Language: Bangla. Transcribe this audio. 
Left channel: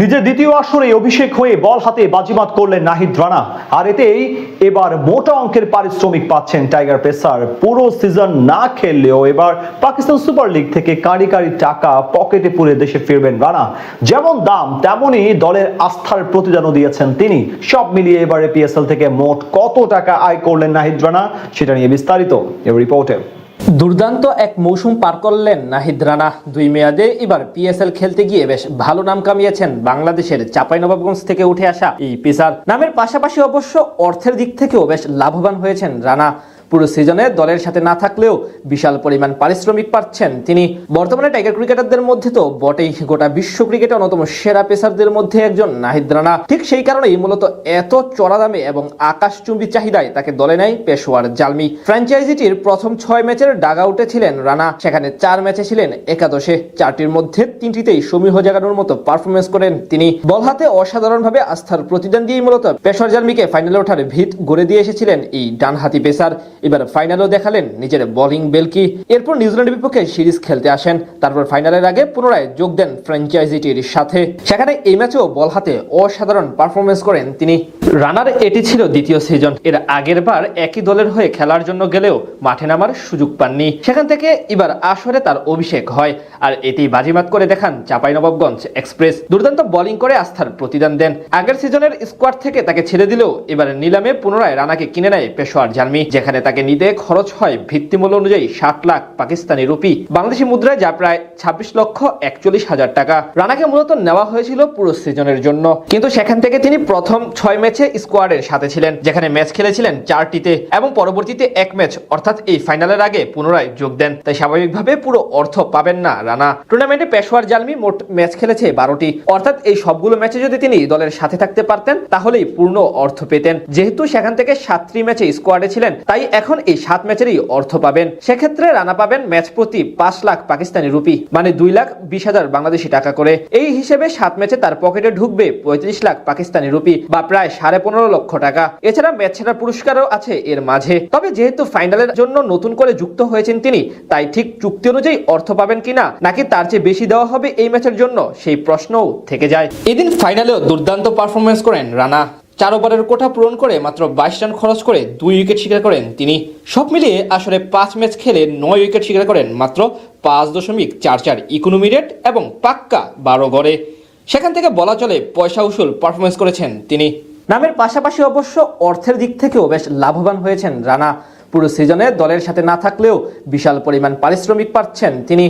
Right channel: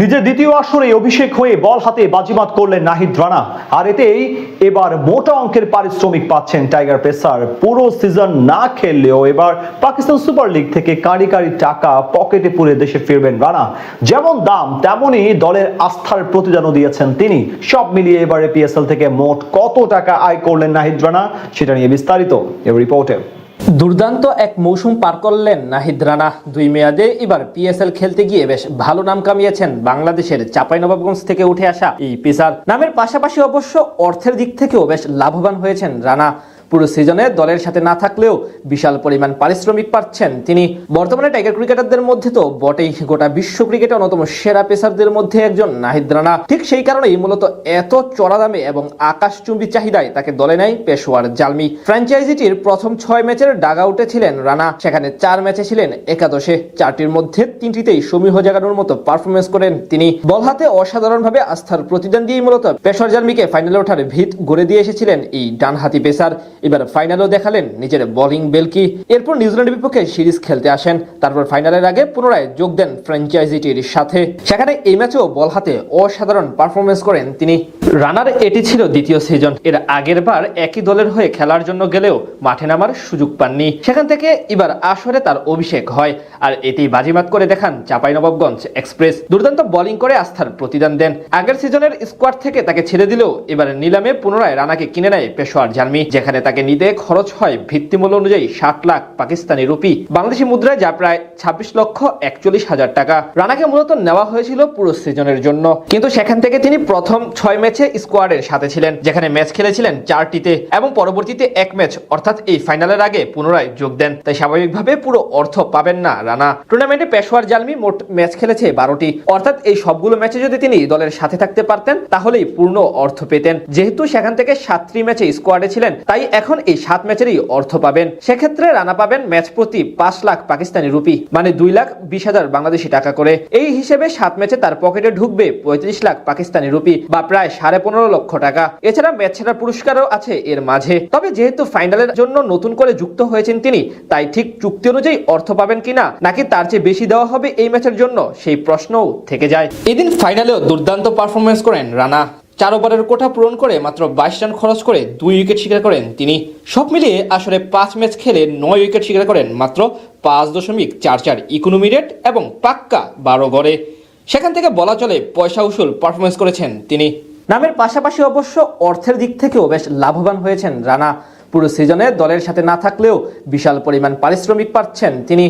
নিজের দ্বিতীয় আসরে অভিষেক হয়ে বল হাতে বাজিমাত করলেন নাহিদ রানা, আর এতেই এবার মোটা অঙ্কের পারিশ্রমিক পাচ্ছেন টাইগার পেসার। পুরো সিজন না খেললেও এবার পাকিস্তান সুপার লিগ থেকে কাঁড়ি কাঁড়ি টাকা পকেটে পুরে দেশে ফিরবেন রানা। যেমন দাম তেমনই দলের আস্থার প্রতিদানও দিয়েছেন তিনি। সব মিলিয়ে এবারে পিএসএল থেকে মোট কত টাকা আয় করলেন নাহিদ রানা, সেটা নিয়ে বিস্তারিত এই রিপোর্টে। দুর্দান্ত এক মৌসুম পার করলেন নাহিদ রানা। 2 মেয়াদে এবার পিএসএল খেলতে গিয়ে বেশ ভালো নাম কামিয়েছেন বাংলাদেশের চাঁপাইনবাবগঞ্জ থেকে উঠে আসা এই পেসার। নামের পাশাপাশি অবশ্য অর্থের দিক থেকেও বেশ লাভবান হয়েছেন রানা। পুরো সিজনে দলের সাথে না থাকলেও বিশাল পরিমাণ পারিশ্রমিক পাচ্ছেন তিনি। বর্তমানে টাইগার ক্রিকেটারদের মধ্যে তো বটেই, গোটা বিশ্ব ক্রিকেটে অন্যতম সেরা পেসারদের মধ্যে একজন নাহিদ রানা। ঠিক সেই কারণেই মূলত এত চড়া দামে এবং আকাশচুম্বী চাহিদায় তাকে দলে নেয় পেশোয়ার জালমি। ফ্র্যাঞ্চাইজিটির প্রথম 6 ম্যাচের ডাগ আউটে ছিলেন রানা, সেখানে 4 ম্যাচে ছিলেন একাদশে। 4টির মধ্যে 3টিতেই সমীহ জাগানোর মতো পারফরমেন্স করেন তিনি। বল হাতে অসাধারণভাবে আস্থার প্রতিদান দিয়ে মূলত পেশোয়ার জালমিকে ফাইনালে ওঠার ভিত গড়ে দিয়ে এসেছিলেন এই ডানহাতি পেসার। এবার ফাইনালও দেখালেন নিজের বোলিং বেলকি। এরপর নিউজিল্যান্ডের বিপক্ষে সিরিজ খেলতে আসেন, তারপর ফাইনালের আগে পুনরায় যোগ দেন ফ্র্যাঞ্চাইজিটির সাথে। সেখানে এই ম্যাচেও বল হাতে অসাধারণ পারফরমেন্স করেন তিনি। রানার এটি ছিল দ্বিতীয় সিজন। এর আগের বার একই দলের হয়ে খেলার জন্য গেলেও মাঠে নামার সুযোগ পাননি। সেখান থেকে এবার আসরে তার অভিষেক হয়, আর এটি বাজিমাত করে দেখান চাঁপাইনবাবগঞ্জ এক্সপ্রেস। দুর্দান্ত বোলিং করে আস্থার প্রতিদান দেন। আগের সিজনের স্কোয়াড থেকে তাকে ছেড়ে দিলেও এবার নিলামে পুনরায় রানাকে কিনে নেয় পেশোয়ার জালমি, যেখানে তাকে নিতে খরচ হয় ভিত্তিমূল্য অনুযায়ী 60 লাখ পাকিস্তানি রুপি, বাংলাদেশি মুদ্রায় যা প্রায় 26,41,000 টাকা। রানাকে মূলত নেওয়া হয়েছিল পুরো সিজনের জন্য, কিন্তু সেখান থেকে তিনি প্রথম 6 ম্যাচে স্কোয়াডের সাথে ছিলেন, যেখানে ম্যাচ খেলেছিলেন 4টিতে এবং পরবর্তীতে 1 ম্যাচ অর্থাৎ এই ফাইনালের আগে পুনরায় যোগ দেন। তাই স্বাভাবিকভাবে পুরো অর্থ পাবেন না রানা। টুর্নামেন্টে পেশোয়ার জালমি মোট ম্যাচ খেলেছে 12টি, অর্থাৎ এই সবগুলো ম্যাচে যদি তিনি দলের সাথে থাকতে পারতেন তাহলেই পূর্ণ অর্থ পেতেন। যেহেতু সেখান থেকে 7টি ম্যাচে স্কোয়াডে ছিলেন, তাই এখন এই 7 ম্যাচেরই অর্থ পাবেন। সেক্ষেত্রে রানা পাবেন ম্যাচ প্রতি 5 লাখ পাকিস্তানি রুপি, মানে 2,20,000 বাংলাদেশি টাকা করে। এই হিসেবে 7 ম্যাচে তার পকেটে ঢুকবে 35 লাখ পাকিস্তানি রুপি বা প্রায় 15.5 লক্ষ টাকা। এছাড়া ম্যাচ সেরার পুরস্কারও আছে এর মাঝে। তবে যেহেতু ফাইনালের জন্য নতুন করে যুক্ত হয়েছেন তিনি, তাই ঠিক চুক্তি অনুযায়ী অর্থ পাবেন কিনা, নাকি তার চেয়ে বেশি দেওয়া হবে এই ম্যাচের জন্য, সেই প্রশ্নও থেকে যায়। এদিন ফাইনালেও দুর্দান্ত পারফরমেন্স করেন রানা। 4 ওভারের কোঠা পূরণ করে মাত্র 22 রান খরচ করে 2 উইকেট শিকার করেন তিনি। সব মিলিয়ে আসলে 5 ম্যাচ খেলে 9 উইকেট শিকার করেন মাত্র 5.44 ইকোনমি রেট এবং পাক্কা 12 গড়ে। সেখান থেকে বলা চলে পয়সা উসুল পারফরমেন্স করেছেন তিনি। নামের পাশাপাশি অবশ্য অর্থের দিক থেকেও বেশ লাভবান হয়েছেন রানা। পুরো সিজনে দলের সাথে না থাকলেও বিশাল পরিমাণ পারিশ্রমিক পাচ্ছেন তিনি।